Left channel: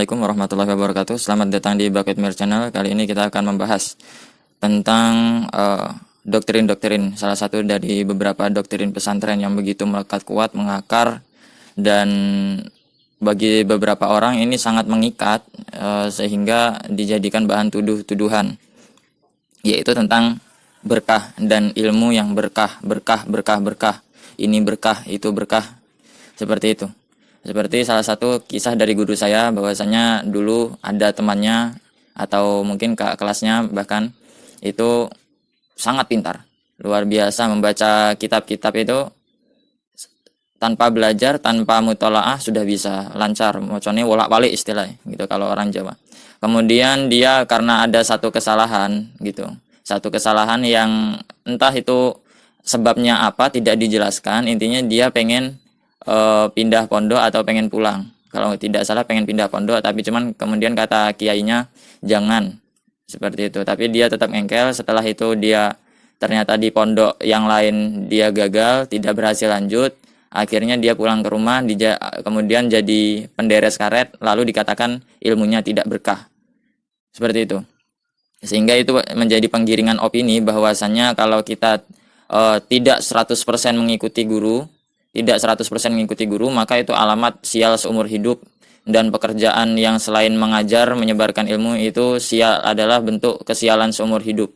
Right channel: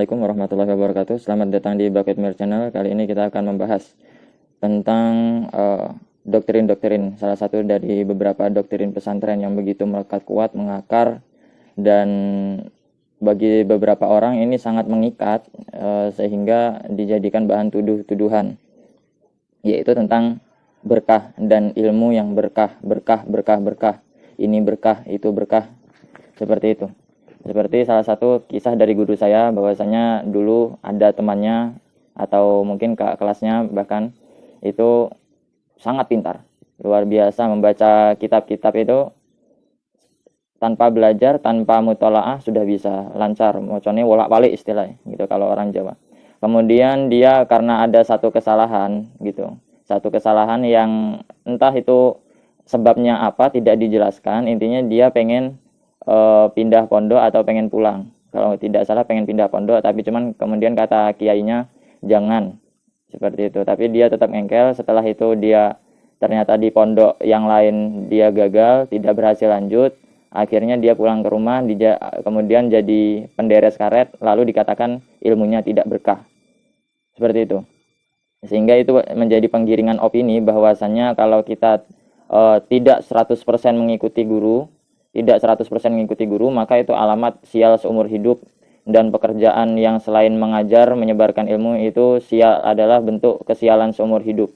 Assalamualaikum warahmatullahi wabarakatuh. Selamat datang di Bucket Mir Channel. Kali ini kita akan membahas tentang doktrin-doktrin, salah satu dari beberapa doktrin pesantren yang begitu melekat kuat, mengakar, dan bagi beberapa orang ini sangat mengikat sehingga dijadikan bahan tuduh-tuduhan, yaitu tentang berkah dan ilmu yang berkah. Ini berkah, itu berkah, seperti itu. Seperti salah satu kisah dari guru saya, bahwasanya dulu ada temannya atau mungkin kakak kelasnya bahkan itu sangat pintar, luar biasa membaca kitab-kitab itu tanpa belajar, tanpa mutolaah sudah bisa lancar, macamnya wolak-walik istilahnya gitu kalau orang Jawa. Kemudian dia karena ada satu kesalahan gitu, satu kesalahan yang entah itu sebabnya apa tidak dijelaskan, intinya dia pengen pindah pondok atau pengen pulang. Kalau tidak salah pengen pindah pondok, tapi cuman kemudian kata kiainya jangan, seperti itu. Tapi dia tetap ngengkel. Setelah itu dia ternyata di pondok yang lain dia gagal, tidak berhasil lanjut. Akhirnya dia pulang ke rumah, kemudian jadi penderes karet, lalu dikatakan ilmunya tidak berkah. Seperti itu. Sehingga itu menjadi penggiringan opini bahwasanya kalau kita tidak 100% mengikuti guru, tidak 100% mengikuti guru, maka itu alamat sial seumur hidup. Dan pekerjaan yang selain mengajar, menyebarkan ilmu itu sial, adalah bentuk kesialan seumur hidup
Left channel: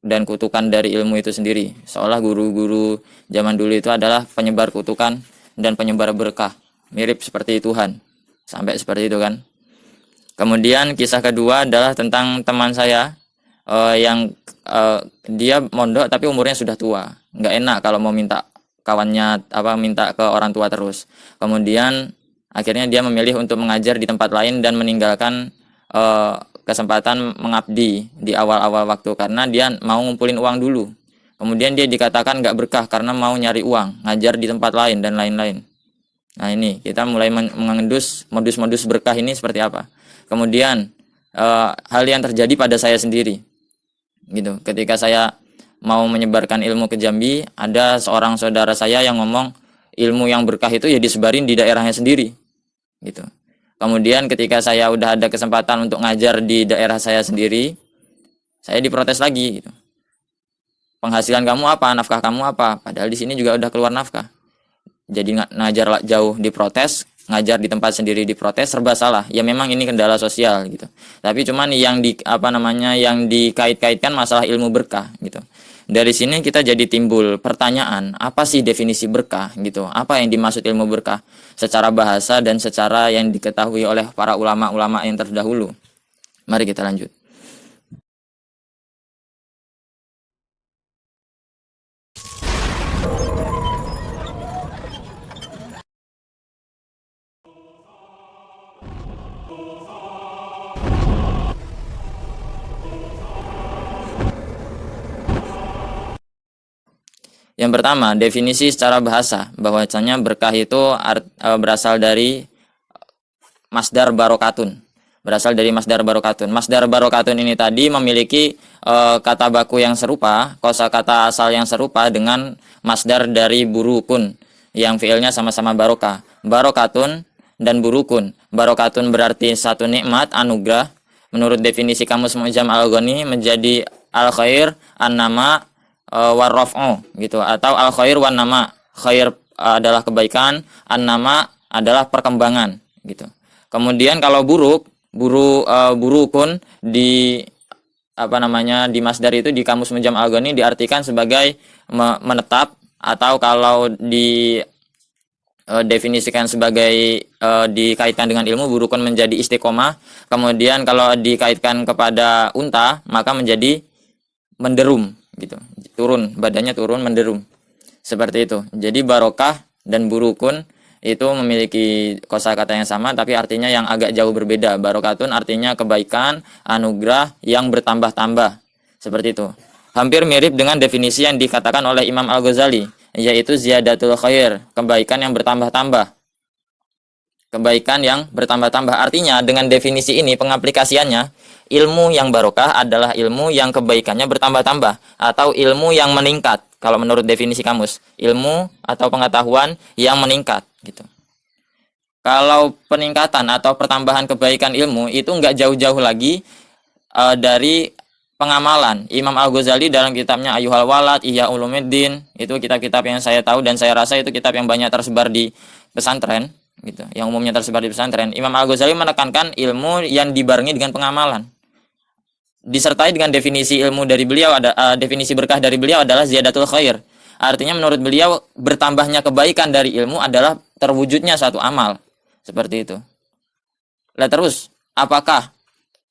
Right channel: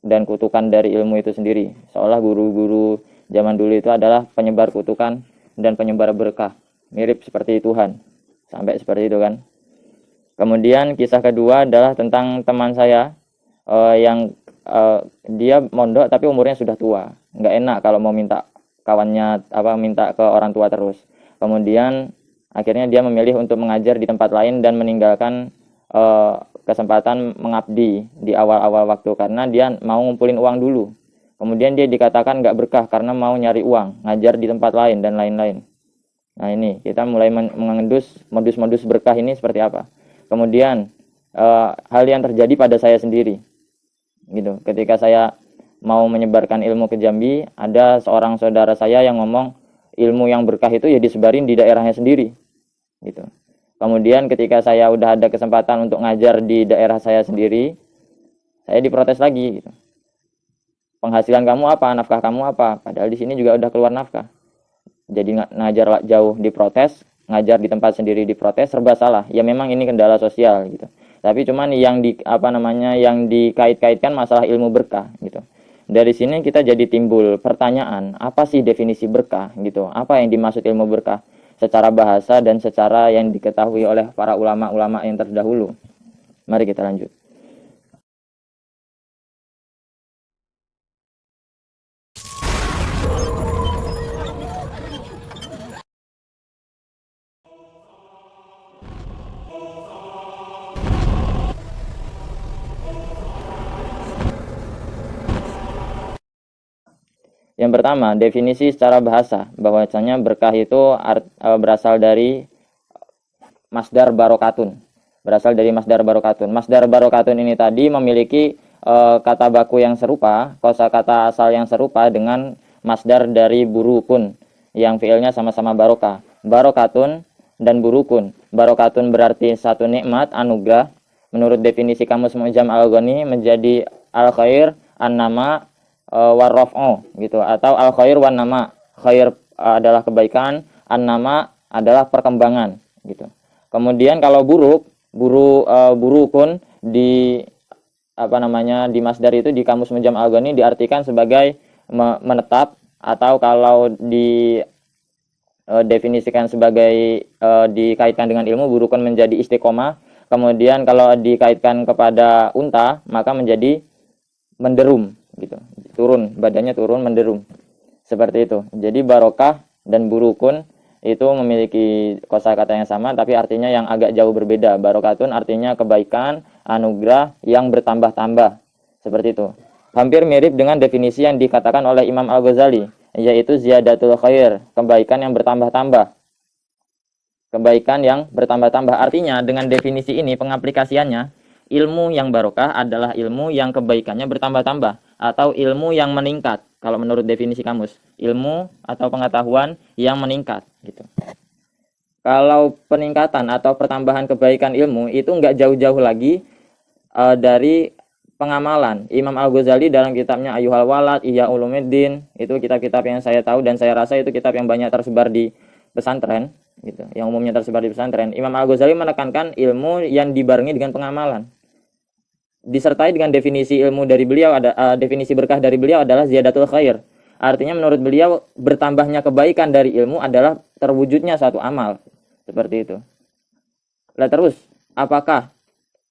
dan kutukan dari ilmu itu sendiri. Seolah guru-guru zaman dulu itu adalah penyebar kutukan dan penyebar berkah, mirip seperti Tuhan, sampai seperti itu kan. Kemudian kisah kedua adalah tentang teman saya yang dia mondok tapi umurnya sudah tua. Nggak enak kalau mau minta kawannya minta ke orang tua terus. Kemudian akhirnya dia memilih untuk mengajar di tempat lain dan meninggalkan kesempatan mengabdi di awal-awal waktu karena dia mau ngumpulin uang dulu. Kemudian dia dikatakan nggak berkah karena mau nyari uang, ngajar di tempat lain dan lain-lain. Nah ini kita mulai mengendus modus-modus berkah ini seperti apa. Kemudian hal yang terjadi pada saya sendiri gitu, ketika saya mau menyebarkan ilmu ke Jambi, ada seorang saudara saya yang ngomong ilmu yang berkah itu ya disebarin di daerahnya sendiri gitu. Kemudian ketika saya udah ada kesempatan untuk ngajar di daerah saya sendiri, saya diprotes lagi gitu. Penghasilan kamu apa, nafkah kamu apa? Padahal di sini juga udah keluar nafkah. Jadi ngajar jauh diprotes, ngajar di tempat sendiri diprotes, serba salah. Ya memang ini kendala sosial gitu. Tapi cuman yang yang dikait-kaitkan masalah ilmu berkah gitu. Dari sini kita jadi timbul pertanyaan, apa sih definisi berkah gitu? Apa yang dimaksud ilmu berkah secara bahasa dan secara yang diketahui oleh para ulama-ulama yang terdahulu? Mari kita lanjut. Yang pertama, definisi secara bahasa, bahwasanya berkah itu berasal dari masdar barokatun. Berasal dari masdar barokatun. Masdar barokatun ini tadi memiliki kata baku yang serupa, kosakata asal yang serupa dengan masdar dari burukun, yang fiilnya sama-sama barokah. Barokatun dan burukun. Barokatun berarti satu nikmat, anugerah. Menurut definisi Kamus Mu'jam Al-Ghani menjadi al-khair, an-nama, warraf'u gitu, atau al khair wan nama. Khair adalah kebaikan, an nama adalah perkembangan gitu. Kemudian kalau burukun di di masdar itu di Kamus Mu'jam Al-Ghani diartikan sebagai menetap, atau kalau di definisikan sebagai dikaitkan dengan ilmu, burukun menjadi istiqomah. Kemudian kalau dikaitkan kepada unta maka menjadi menderum gitu, turun, badannya turun, menderum, seperti itu. Jadi barokah dan burukun itu memiliki kosakata yang sama tapi artinya yang agak jauh berbeda. Barokatun artinya kebaikan, anugerah yang bertambah-tambah, seperti itu. Hampir mirip dengan definisi yang dikatakan oleh Imam Al-Ghazali, yaitu ziyadatul khair, kebaikan yang bertambah-tambah. Kebaikan yang bertambah-tambah artinya dengan definisi ini pengaplikasiannya, ilmu yang barokah adalah ilmu yang kebaikannya bertambah-tambah atau ilmu yang meningkat. Kalau menurut definisi kamus, ilmu atau pengetahuan yang meningkat gitu. kalau peningkatan atau pertambahan kebaikan ilmu itu nggak jauh-jauh lagi dari pengamalan. Imam Al-Ghazali dalam kitabnya Ayyuhal Walad, Ihya Ulumuddin, itu kitab-kitab yang saya tahu dan saya rasa itu kitab yang banyak tersebar di pesantren gitu, yang umumnya tersebar di pesantren. Imam Al-Ghazali menekankan ilmu yang dibarengi dengan pengamalan. Disertai dengan definisi ilmu dari beliau definisi berkah dari beliau adalah ziyadatul khair. Artinya menurut beliau bertambahnya kebaikan dari ilmu adalah terwujudnya suatu amal. Seperti itu. Nah, terus apakah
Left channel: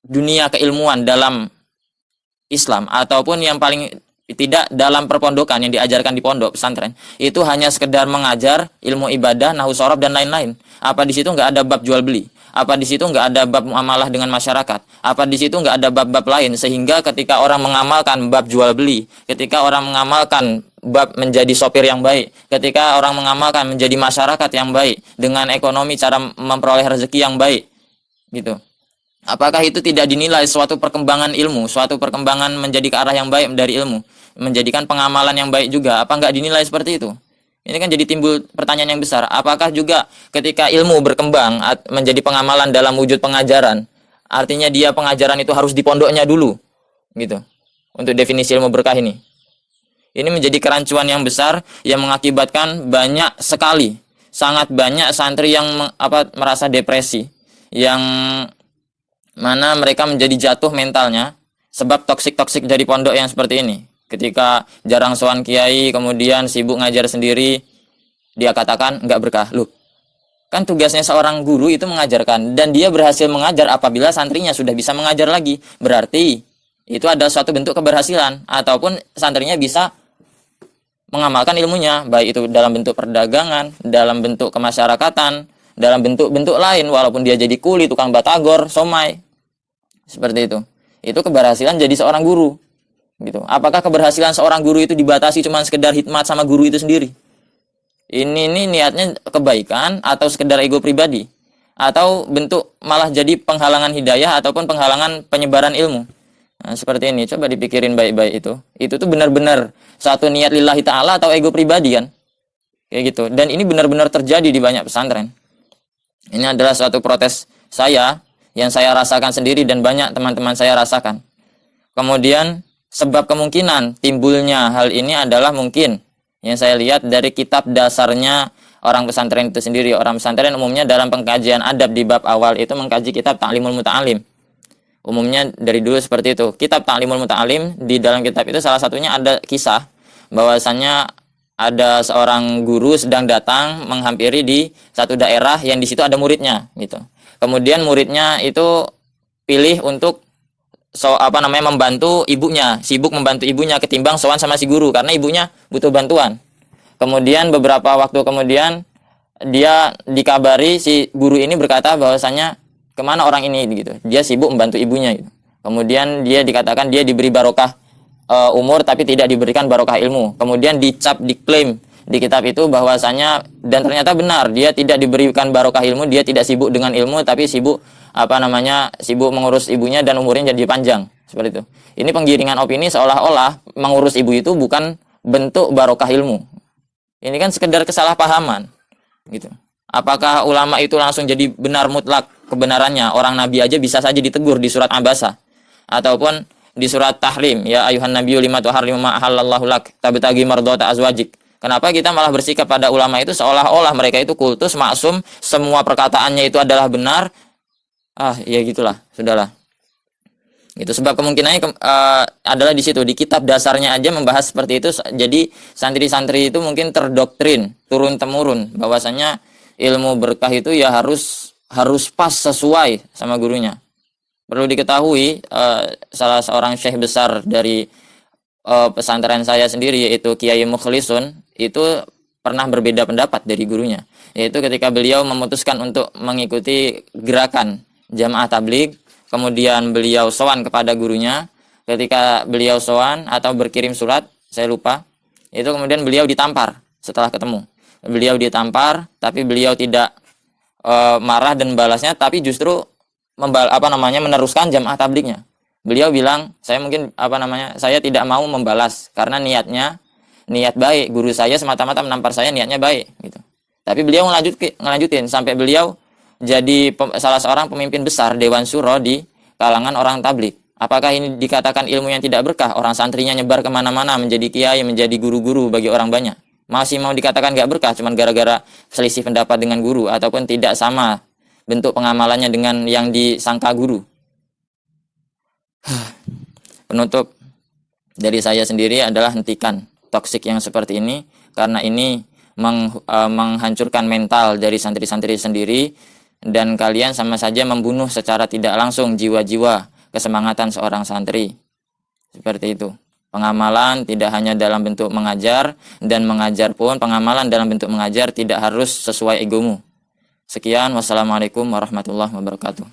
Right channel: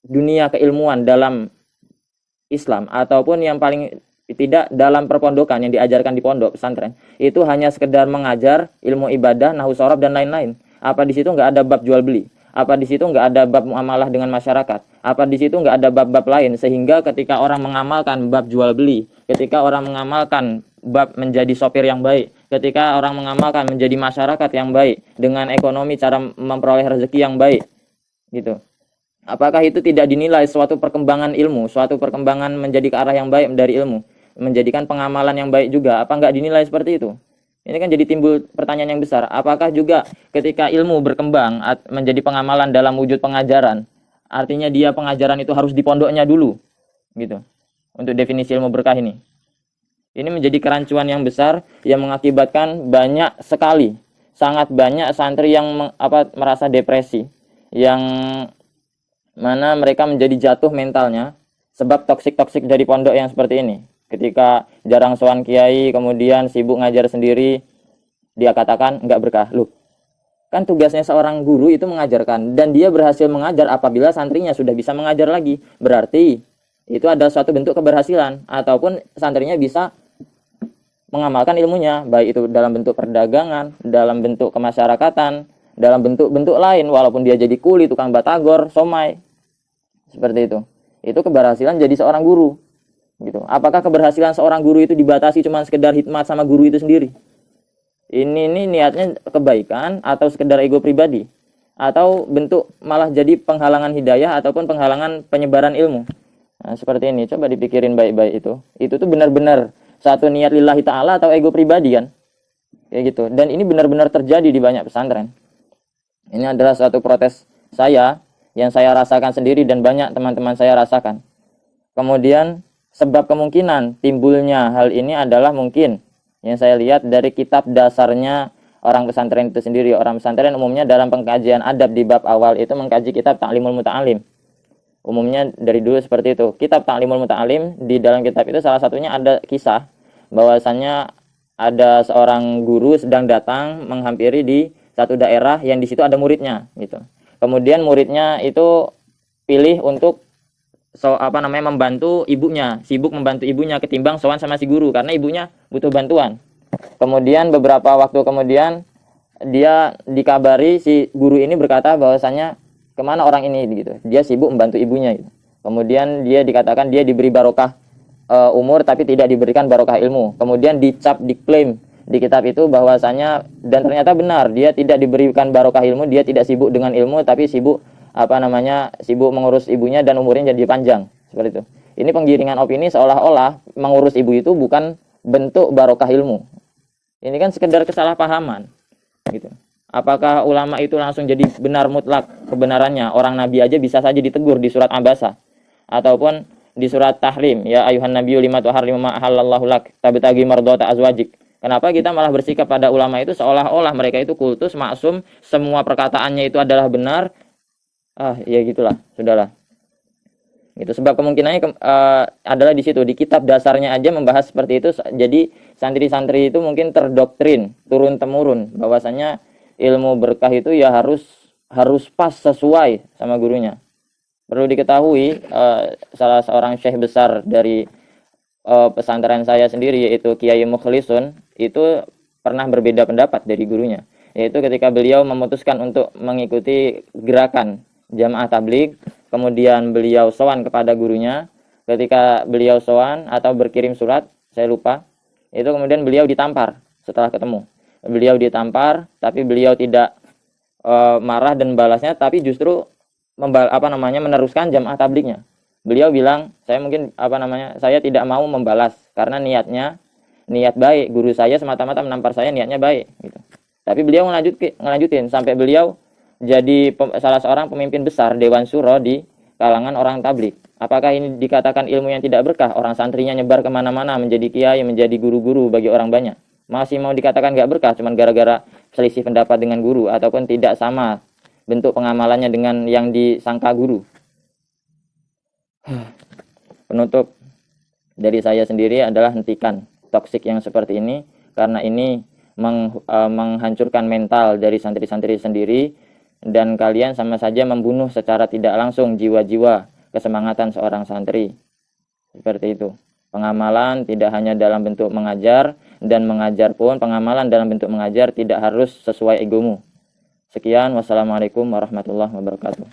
dunia keilmuan dalam Islam ataupun yang paling tidak dalam perpondokan yang diajarkan di pondok pesantren itu hanya sekedar mengajar ilmu ibadah, nahwu shorof dan lain-lain? Apa di situ nggak ada bab jual beli? Apa di situ nggak ada bab muamalah dengan masyarakat? Apa di situ nggak ada bab-bab lain sehingga ketika orang mengamalkan bab jual beli, ketika orang mengamalkan bab menjadi sopir yang baik, ketika orang mengamalkan menjadi masyarakat yang baik dengan ekonomi cara memperoleh rezeki yang baik, gitu. Apakah itu tidak dinilai suatu perkembangan ilmu, suatu perkembangan menjadi ke arah yang baik dari ilmu, menjadikan pengamalan yang baik juga? Apa nggak dinilai seperti itu? Ini kan jadi timbul pertanyaan yang besar. Apakah juga ketika ilmu berkembang menjadi pengamalan dalam wujud pengajaran, artinya dia pengajaran itu harus di pondoknya dulu, gitu, untuk definisi ilmu berkah ini? Ini menjadi kerancuan yang besar yang mengakibatkan banyak sekali, sangat banyak santri yang merasa depresi, yang mana mereka menjadi jatuh mentalnya sebab toksik dari pondok yang seperti ini. Ketika jarang sowan kiai, kemudian sibuk ngajar sendiri, dia katakan nggak berkah. Loh, kan tugasnya seorang guru itu mengajarkan, dan dia berhasil mengajar apabila santrinya sudah bisa mengajar lagi. Berarti itu adalah suatu bentuk keberhasilan, ataupun santrinya bisa mengamalkan ilmunya, baik itu dalam bentuk perdagangan, dalam bentuk kemasyarakatan, dalam bentuk-bentuk lain, walaupun dia jadi kuli, tukang batagor, somai, seperti itu. Itu keberhasilan jadi seorang guru, gitu. Apakah keberhasilan seorang guru itu dibatasi cuma sekedar hikmat sama guru itu sendiri? Ini niatnya kebaikan atau sekedar ego pribadi, atau bentuk malah jadi penghalangan hidayah ataupun penghalangan penyebaran ilmu? Nah, seperti ini, coba dipikirin baik-baik itu. Itu tuh benar-benar satu niat lillahi ta'ala atau ego pribadi kan? Kayak gitu. Dan ini benar-benar terjadi di banyak pesantren. Ini adalah suatu protes saya yang saya rasakan sendiri dan banyak teman-teman saya rasakan. Kemudian sebab kemungkinan timbulnya hal ini adalah mungkin yang saya lihat dari kitab dasarnya orang pesantren itu sendiri. Orang pesantren umumnya dalam pengkajian adab di bab awal itu mengkaji kitab Ta'limul Muta'alim. Umumnya dari dulu seperti itu. Kitab Ta'limul Muta'alim, di dalam kitab itu salah satunya ada kisah bahwasannya ada seorang guru sedang datang menghampiri di satu daerah yang di situ ada muridnya, gitu. Kemudian muridnya itu pilih untuk membantu ibunya, sibuk membantu ibunya ketimbang sowan sama si guru karena ibunya butuh bantuan. Kemudian beberapa waktu kemudian dia dikabari, si guru ini berkata bahwasanya kemana orang ini, gitu. Dia sibuk membantu ibunya, gitu. Kemudian dia dikatakan dia diberi barokah umur tapi tidak diberikan barokah ilmu. Kemudian diklaim di kitab itu bahwasanya, dan ternyata benar, dia tidak diberikan barokah ilmu, dia tidak sibuk dengan ilmu tapi sibuk sibuk mengurus ibunya dan umurnya jadi panjang, seperti itu. Ini penggiringan opini seolah-olah mengurus ibu itu bukan bentuk barokah ilmu. Ini kan sekedar kesalahpahaman, gitu. Apakah ulama itu langsung jadi benar mutlak kebenarannya? Orang nabi aja bisa saja ditegur di surat Abasa ataupun di surat Tahrim, ya ayuhan nabiyyu lima tuharrimu ma ahallallahu lak tabtagi mardhata azwajik. Kenapa kita malah bersikap pada ulama itu seolah-olah mereka itu kultus, maksum, semua perkataannya itu adalah benar? Ya gitulah, sudahlah. Itu sebab kemungkinannya adalah di situ, di kitab dasarnya aja membahas seperti itu. Jadi santri-santri itu mungkin terdoktrin turun temurun bahwasanya ilmu berkah itu ya harus pas sesuai sama gurunya. Perlu diketahui salah seorang syekh besar dari pesantren saya sendiri, yaitu Kiai Mukhlisun, itu pernah berbeda pendapat dari gurunya, yaitu ketika beliau memutuskan untuk mengikuti gerakan jamaah tabligh, kemudian beliau sowan kepada gurunya. Ketika beliau sowan atau berkirim surat, saya lupa, itu kemudian beliau ditampar setelah ketemu. Beliau ditampar, tapi beliau tidak marah dan balasnya, tapi justru meneruskan jamaah tablighnya. Beliau bilang, saya tidak mau membalas karena niat baik, guru saya semata-mata menampar saya niatnya baik, gitu. Tapi beliau ngelanjutin sampai beliau jadi salah seorang pemimpin besar Dewan Syuro di kalangan orang tabligh. Apakah ini dikatakan ilmu yang tidak berkah? Orang santrinya nyebar kemana-mana menjadi kiai, menjadi guru-guru bagi orang banyak. Masih mau dikatakan gak berkah cuman gara-gara selisih pendapat dengan guru ataupun tidak sama bentuk pengamalannya dengan yang disangka guru. Penutup dari saya sendiri adalah hentikan toksik yang seperti ini, karena ini menghancurkan mental dari santri-santri sendiri, dan kalian sama saja membunuh secara tidak langsung jiwa-jiwa kesemangatan seorang santri. Seperti itu. Pengamalan tidak hanya dalam bentuk mengajar, dan mengajar pun pengamalan dalam bentuk mengajar tidak harus sesuai egomu. Sekian, wassalamualaikum warahmatullahi wabarakatuh.